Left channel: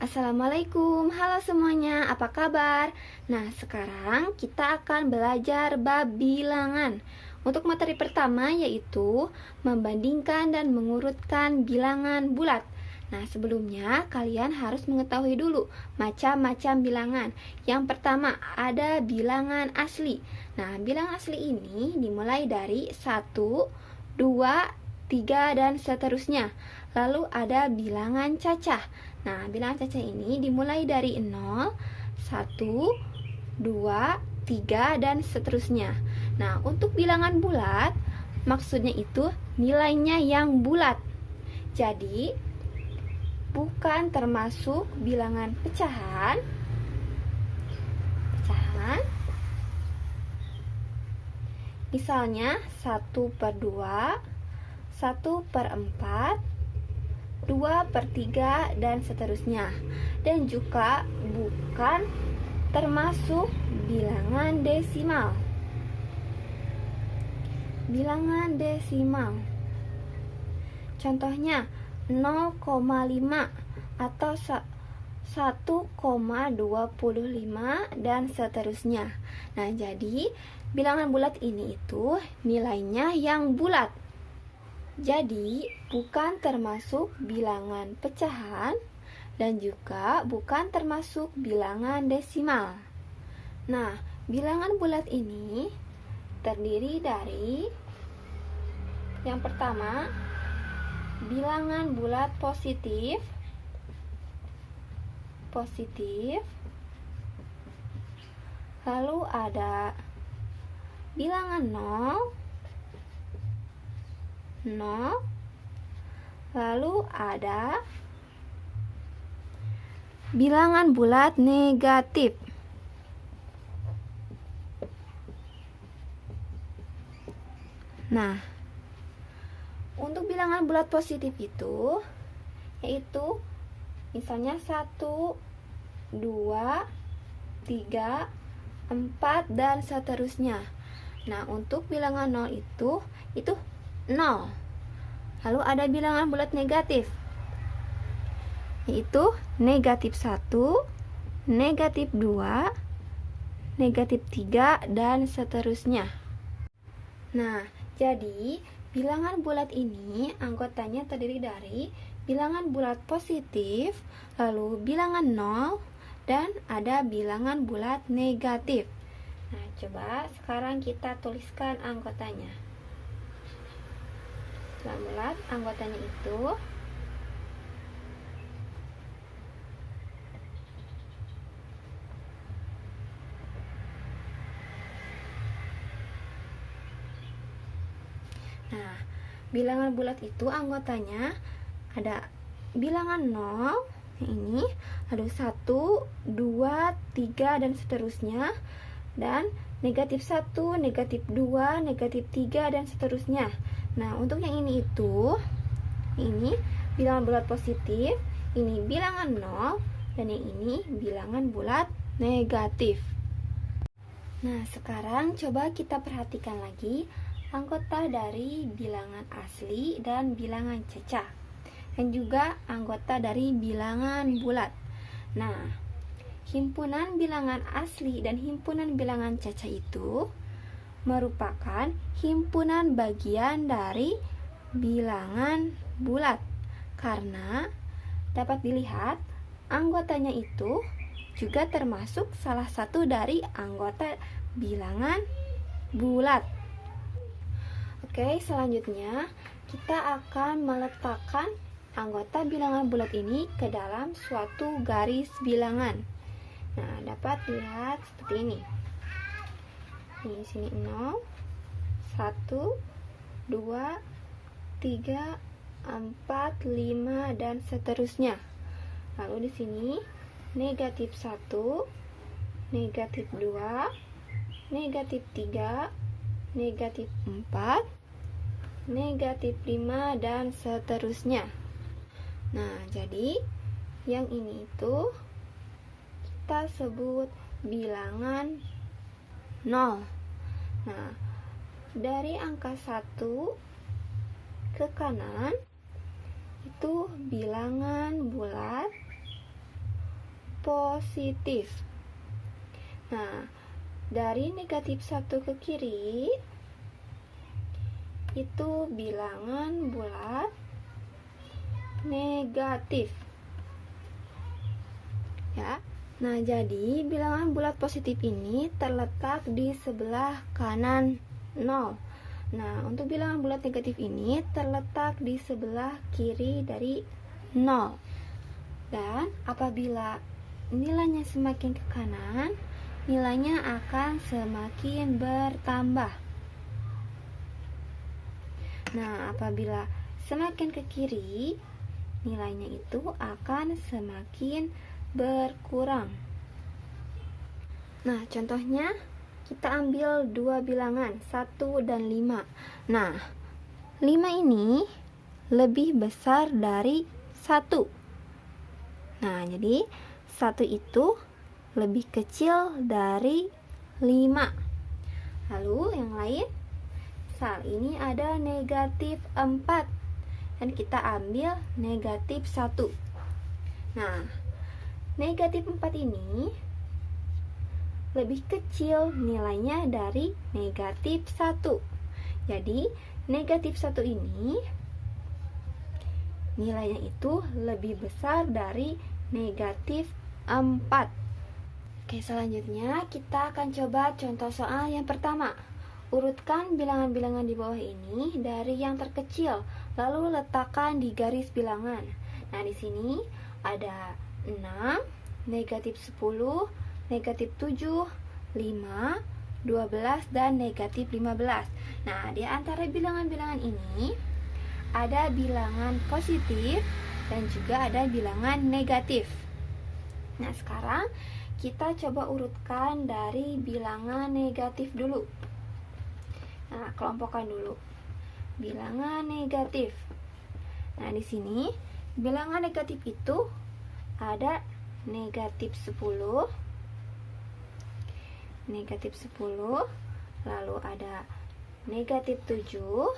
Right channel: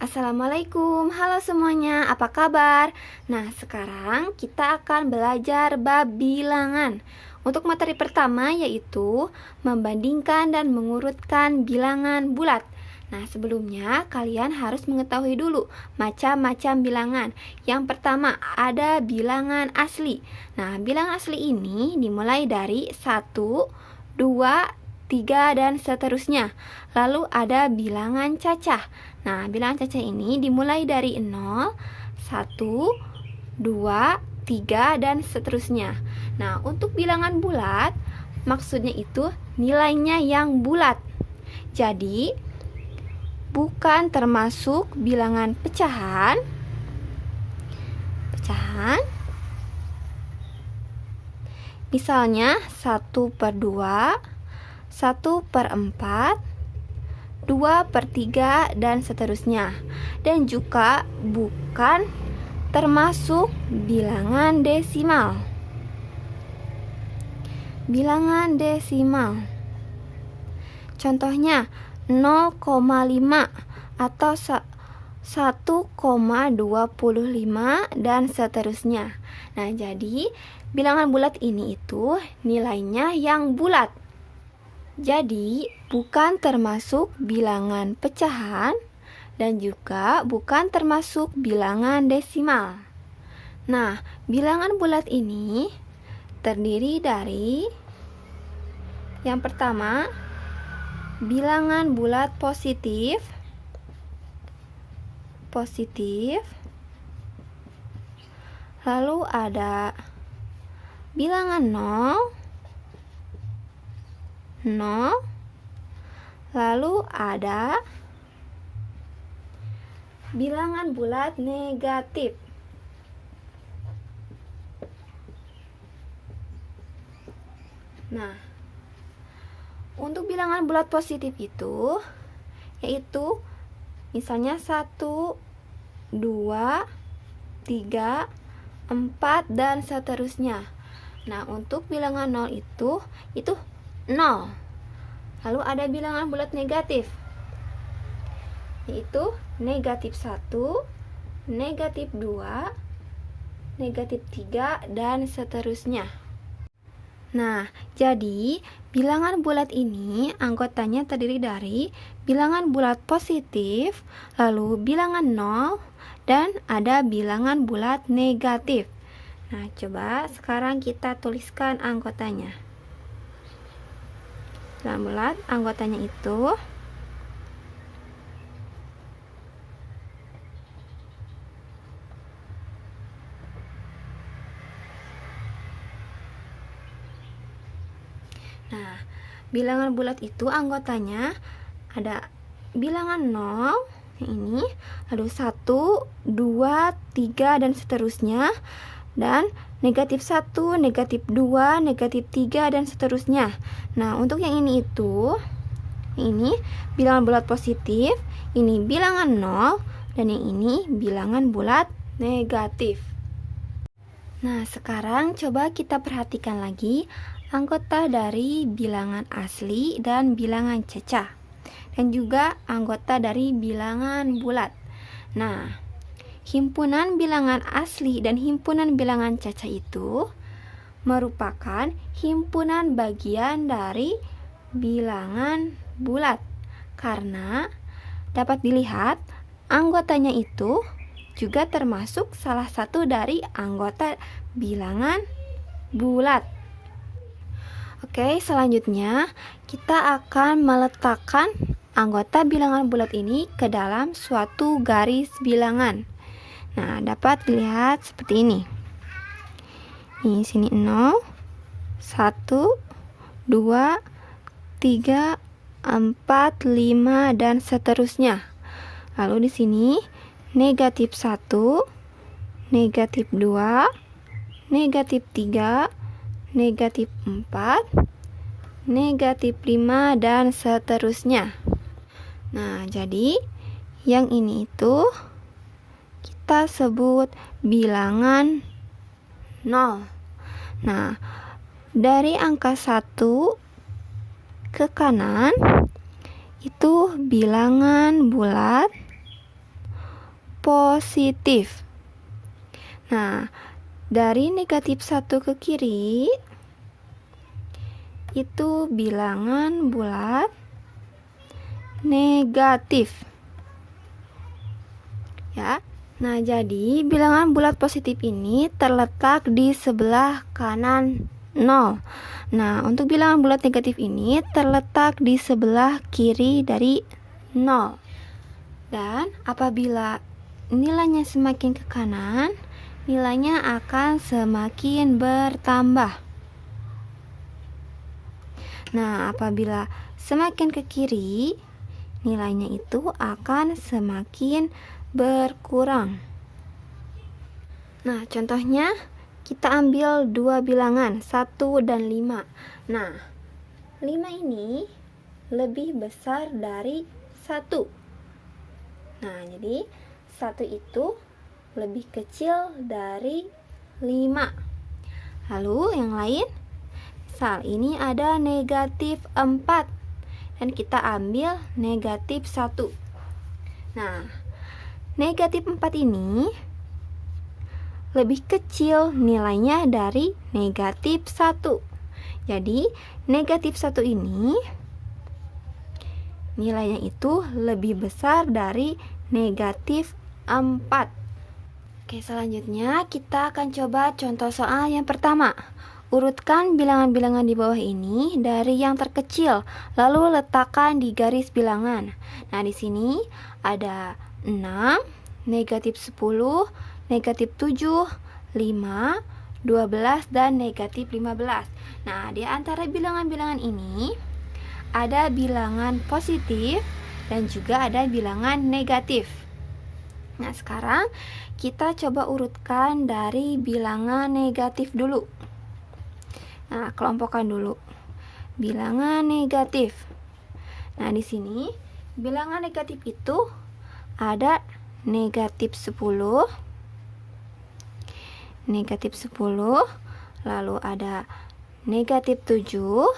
Assalamualaikum, halo semuanya, apa kabar? Nah, sekarang kita akan belajar bab bilangan. Untuk materi pertama yaitu membandingkan dan mengurutkan bilangan bulat. Nah, sebelumnya kalian harus mengetahui dulu macam-macam bilangan. Yang pertama ada bilangan asli. Nah, bilangan asli ini dimulai dari 1, 2, 3, dan seterusnya. Lalu ada bilangan cacah. Nah, bilangan cacah ini dimulai dari 0, 1, 2, 3, dan seterusnya. Nah, untuk bilangan bulat, maksudnya itu nilainya yang bulat. Jadi, bukan termasuk bilangan pecahan. Misalnya 1/2, 1/4, 2/3, dan seterusnya. Dan juga bukan termasuk bilangan desimal. Bilangan desimal. Contohnya 0,5 atau 1,25 dan seterusnya. Nah, jadi bilangan bulat ini itu nilainya yang bulat. Jadi, bukan termasuk bilangan pecahan dan juga bukan termasuk bilangan desimal. Nah, bilangan bulat ini terdiri dari yang pertama, bilangan bulat positif, lalu ada bilangan 0, lalu ada bilangan bulat negatif. Nah, untuk bilangan bulat positif itu yaitu misalnya 1, 2, 3, 4, dan seterusnya. Nah, untuk bilangan 0 itu 0. Lalu ada bilangan bulat negatif, yaitu negatif 1, negatif 2, negatif 3, dan seterusnya. Nah, jadi bilangan bulat ini anggotanya terdiri dari bilangan bulat positif, lalu bilangan 0, dan ada bilangan bulat negatif. Nah, coba sekarang kita tuliskan anggotanya. Bilangan bulat anggotanya itu Nah, bilangan bulat itu anggotanya ada bilangan 0 ini, lalu 1, 2, 3, dan seterusnya, dan negatif 1, negatif 2, negatif 3, dan seterusnya. Nah, untuk yang ini bilangan bulat positif, ini bilangan 0, dan yang ini bilangan bulat negatif. Nah, sekarang coba kita perhatikan lagi anggota dari bilangan asli dan bilangan cacah, dan juga anggota dari bilangan bulat. Nah, himpunan bilangan asli dan himpunan bilangan cacah itu merupakan himpunan bagian dari bilangan bulat, karena dapat dilihat anggotanya itu juga termasuk salah satu dari anggota bilangan bulat. Oke, selanjutnya kita akan meletakkan anggota bilangan bulat ini ke dalam suatu garis bilangan. Nah, dapat dilihat seperti ini. Di sini 0, 1, 2, 3, 4, 5, dan seterusnya. Lalu di sini negatif 1, negatif 2, negatif 3, negatif 4, negatif 5, dan seterusnya. Nah, jadi yang ini itu kita sebut bilangan 0. Nah, dari angka 1 ke kanan itu bilangan bulat, positif. Nah, dari negatif 1 ke kiri itu bilangan bulat negatif. Ya. Nah, jadi bilangan bulat positif ini terletak di sebelah kanan 0. Nah, untuk bilangan bulat negatif ini terletak di sebelah kiri dari 0. Dan apabila nilainya semakin ke kanan, nilainya akan semakin bertambah. Nah, apabila semakin ke kiri, nilainya itu akan semakin berkurang. Nah, contohnya kita ambil dua bilangan 1 dan 5. Nah, 5 ini lebih besar dari 1. Nah, jadi 1 itu lebih kecil dari 5. Lalu yang lain, misal ini ada negatif 4 dan kita ambil negatif 1. Nah, negatif 4 ini lebih kecil nilainya dari negatif 1. Jadi negatif 1 ini nilainya itu lebih besar dari negatif 4. Oke, selanjutnya kita akan coba contoh soal yang pertama. Urutkan bilangan-bilangan di bawah ini dari yang terkecil, lalu letakkan di garis bilangan. Nah, di sini ada 6, negatif 10, negatif 7, 5, 12, dan negatif 15. Nah, di antara bilangan-bilangan ini ada bilangan positif dan juga ada bilangan negatif. Nah, sekarang kita coba urutkan dari bilangan negatif dulu. Nah, kelompokkan dulu bilangan negatif. Nah, di sini bilangan negatif itu ada negatif 10, negatif 10, lalu ada negatif 7,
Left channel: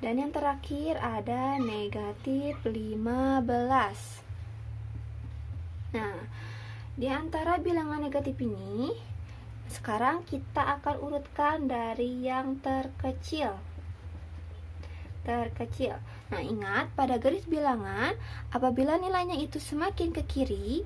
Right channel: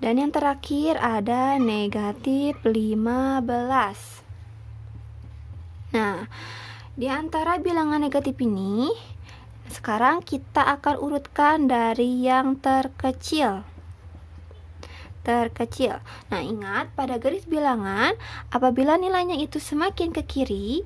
dan yang terakhir ada negatif 15. Nah, di antara bilangan negatif ini, sekarang kita akan urutkan dari yang terkecil. Nah, ingat pada garis bilangan, apabila nilainya itu semakin ke kiri,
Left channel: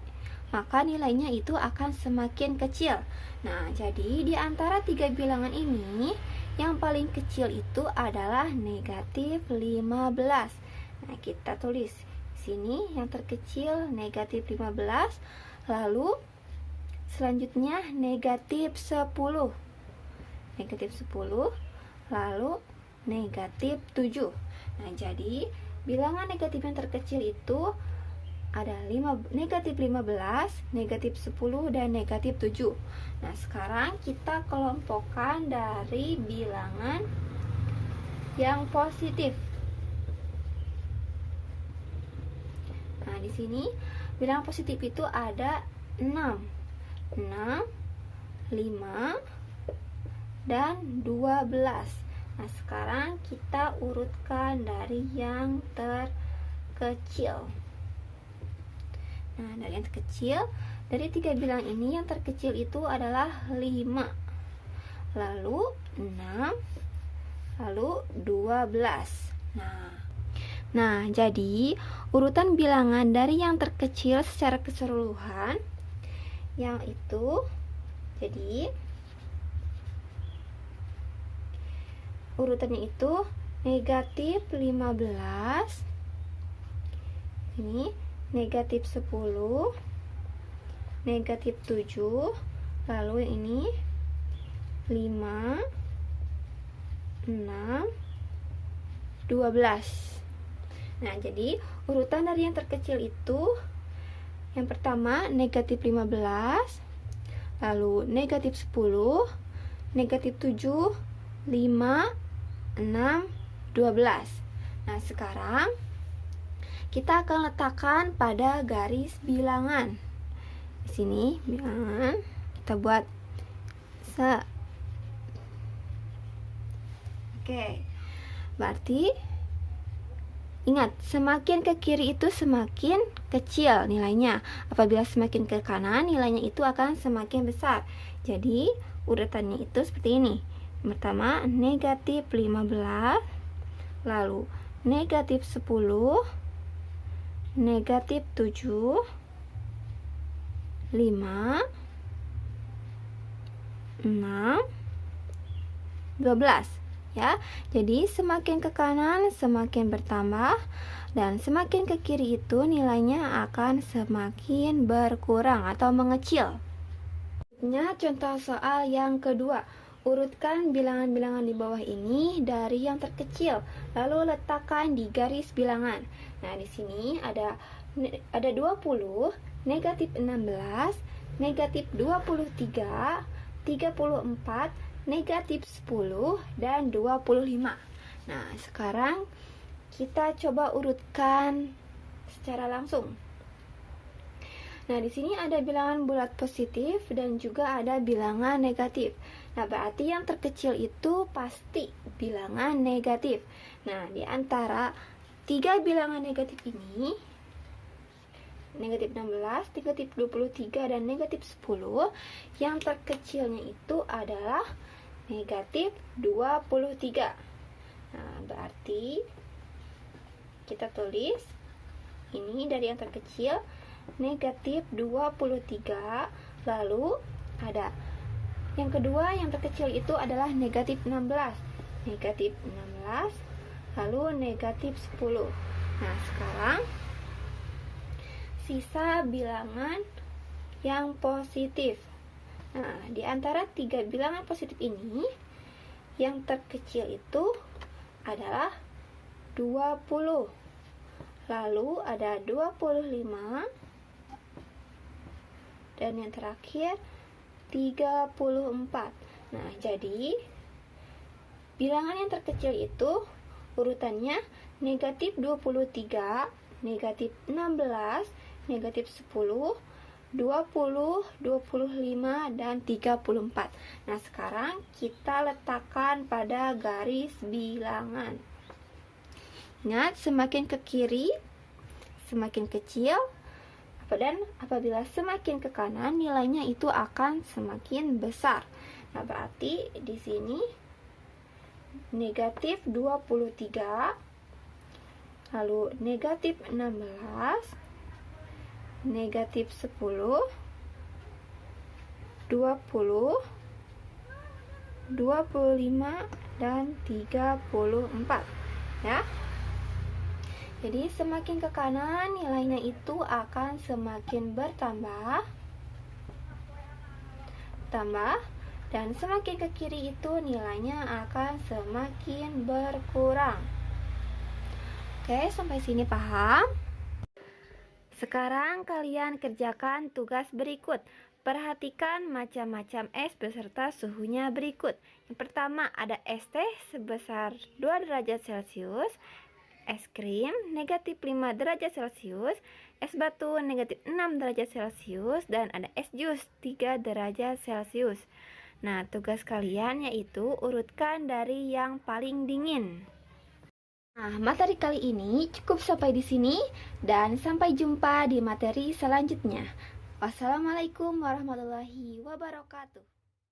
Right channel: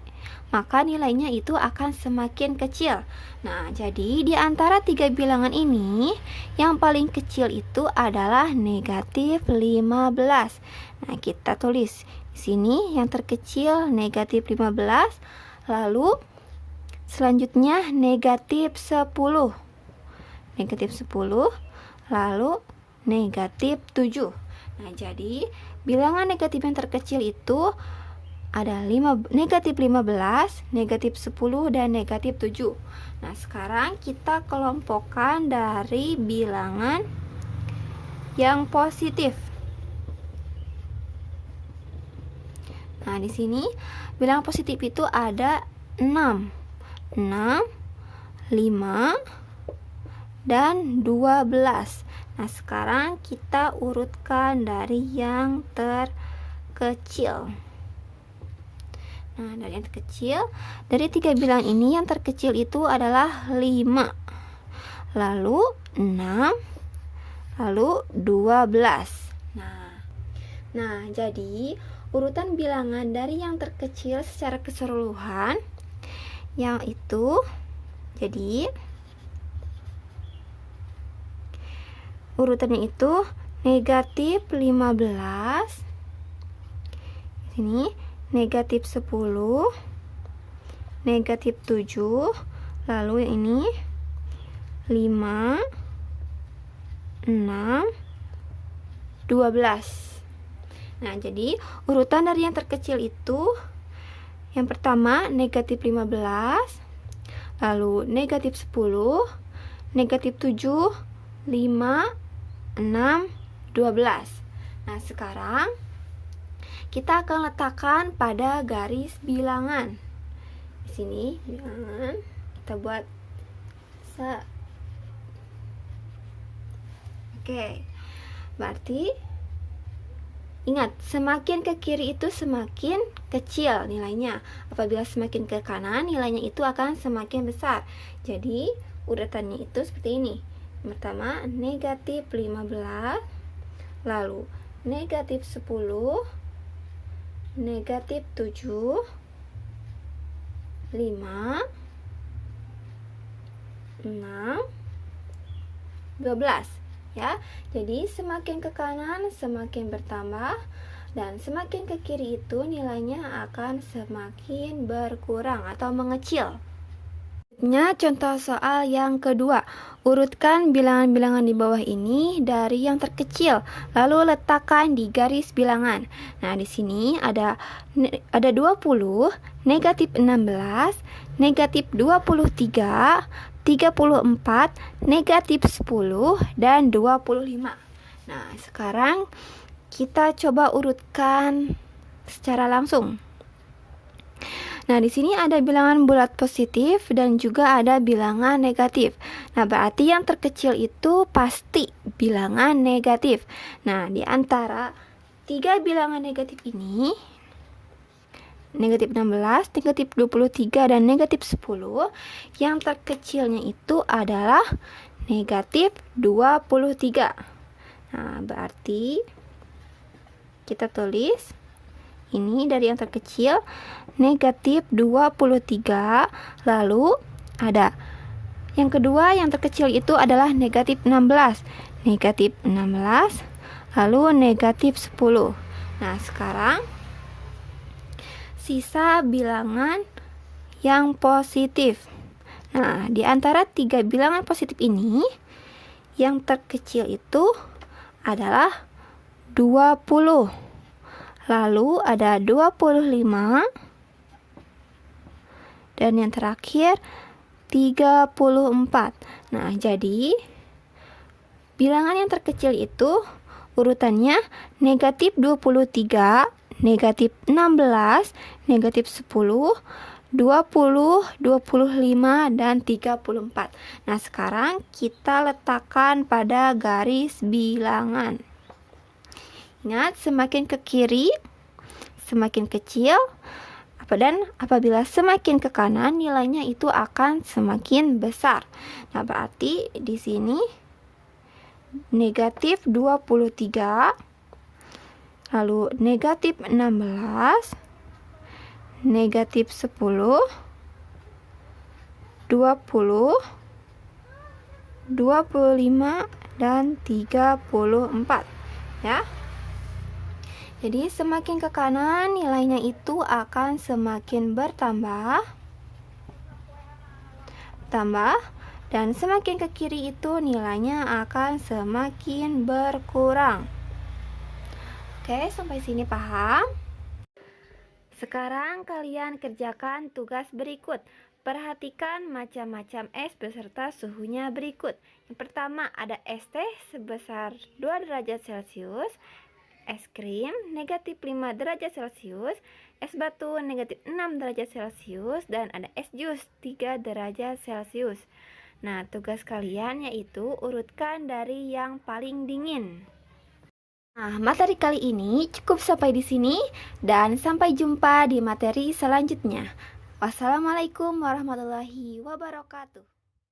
maka nilainya itu akan semakin kecil. Nah, jadi di antara tiga bilangan ini, yang paling kecil itu adalah negatif 15. Nah, kita tulis di sini yang terkecil negatif 15, lalu selanjutnya negatif 10. Negatif 10, lalu negatif 7. Nah, jadi bilangan negatif yang terkecil itu ada negatif 15, negatif 10, dan negatif 7. Nah, sekarang kita kelompokkan dari bilangan yang positif. Nah, di sini bilangan positif itu ada 6, 5, dan 12. Nah, sekarang kita urutkan dari yang terkecil. Nah, dari yang terkecil, dari tiga bilangan ini yang terkecil itu adalah 5, lalu 6, lalu 12. Nah, jadi urutan bilangan dari yang terkecil secara keseluruhan yang itu, jadi urutannya itu negatif 15, ini negatif 10, negatif 7, lalu ini 5, 6, 12. Nah, jadi urutan dari yang terkecil itu yang pertama negatif 15, lalu negatif 10, negatif 7, 5, 6, 12. Nah, sekarang kita akan letakkan pada garis bilangan. Di sini bilangan kita buat Oke. Berarti Ingat, semakin ke kiri itu semakin kecil nilainya. Apabila semakin ke kanan, nilainya itu akan semakin besar. Jadi, urutannya itu seperti ini. Pertama, negatif 15, lalu negatif 10, negatif 7, 5, 6, 12. Ya, jadi semakin ke kanan semakin bertambah, dan semakin ke kiri itu nilainya akan semakin berkurang atau mengecil. Contoh soal yang kedua, urutkan bilangan-bilangan di bawah ini dari yang terkecil, lalu letakkan di garis bilangan. Nah, di sini ada 20, negatif 16, negatif 23, 34, negatif 10, dan 25. Nah, sekarang kita coba urutkan secara langsung. Nah, di sini ada bilangan bulat positif dan juga ada bilangan negatif. Nah, berarti yang terkecil itu pasti bilangan negatif. Nah, di antara 3 bilangan negatif ini, negatif 16, negatif 23, dan negatif 10, yang terkecilnya itu adalah negatif 23. Nah, berarti kita tulis ini dari yang terkecil, negatif 23, lalu ada yang kedua yang terkecil itu adalah negatif 16, lalu negatif 10. Nah, sekarang sisa bilangan yang positif. Nah, di antara 3 bilangan positif ini, yang terkecil itu adalah 20. Lalu ada 25, dan yang terakhir 34. Nah, jadi bilangan yang terkecil itu urutannya negatif 23, negatif 16, negatif 10, 20, 25, dan 34. Nah, sekarang kita letakkan pada garis bilangan. Ingat, semakin ke kiri semakin kecil, dan apabila semakin ke kanan nilainya itu akan semakin besar. Nah, berarti di sini negatif 23, lalu negatif 16, negatif 10, 20, 25, dan 34. Ya. Jadi semakin ke kanan nilainya itu akan semakin bertambah, dan semakin ke kiri itu nilainya akan semakin berkurang. Oke, sampai sini paham? Sekarang kalian kerjakan tugas berikut. Perhatikan macam-macam es beserta suhunya berikut. Yang pertama ada es teh sebesar 2 derajat Celcius, es krim negatif 5 derajat Celcius, es batu negatif 6 derajat Celcius, dan ada es jus 3 derajat Celcius. Nah, tugas kalian yaitu urutkan dari yang paling dingin. Nah, materi kali ini cukup sampai di sini, dan sampai jumpa di materi selanjutnya. Wassalamualaikum warahmatullahi wabarakatuh.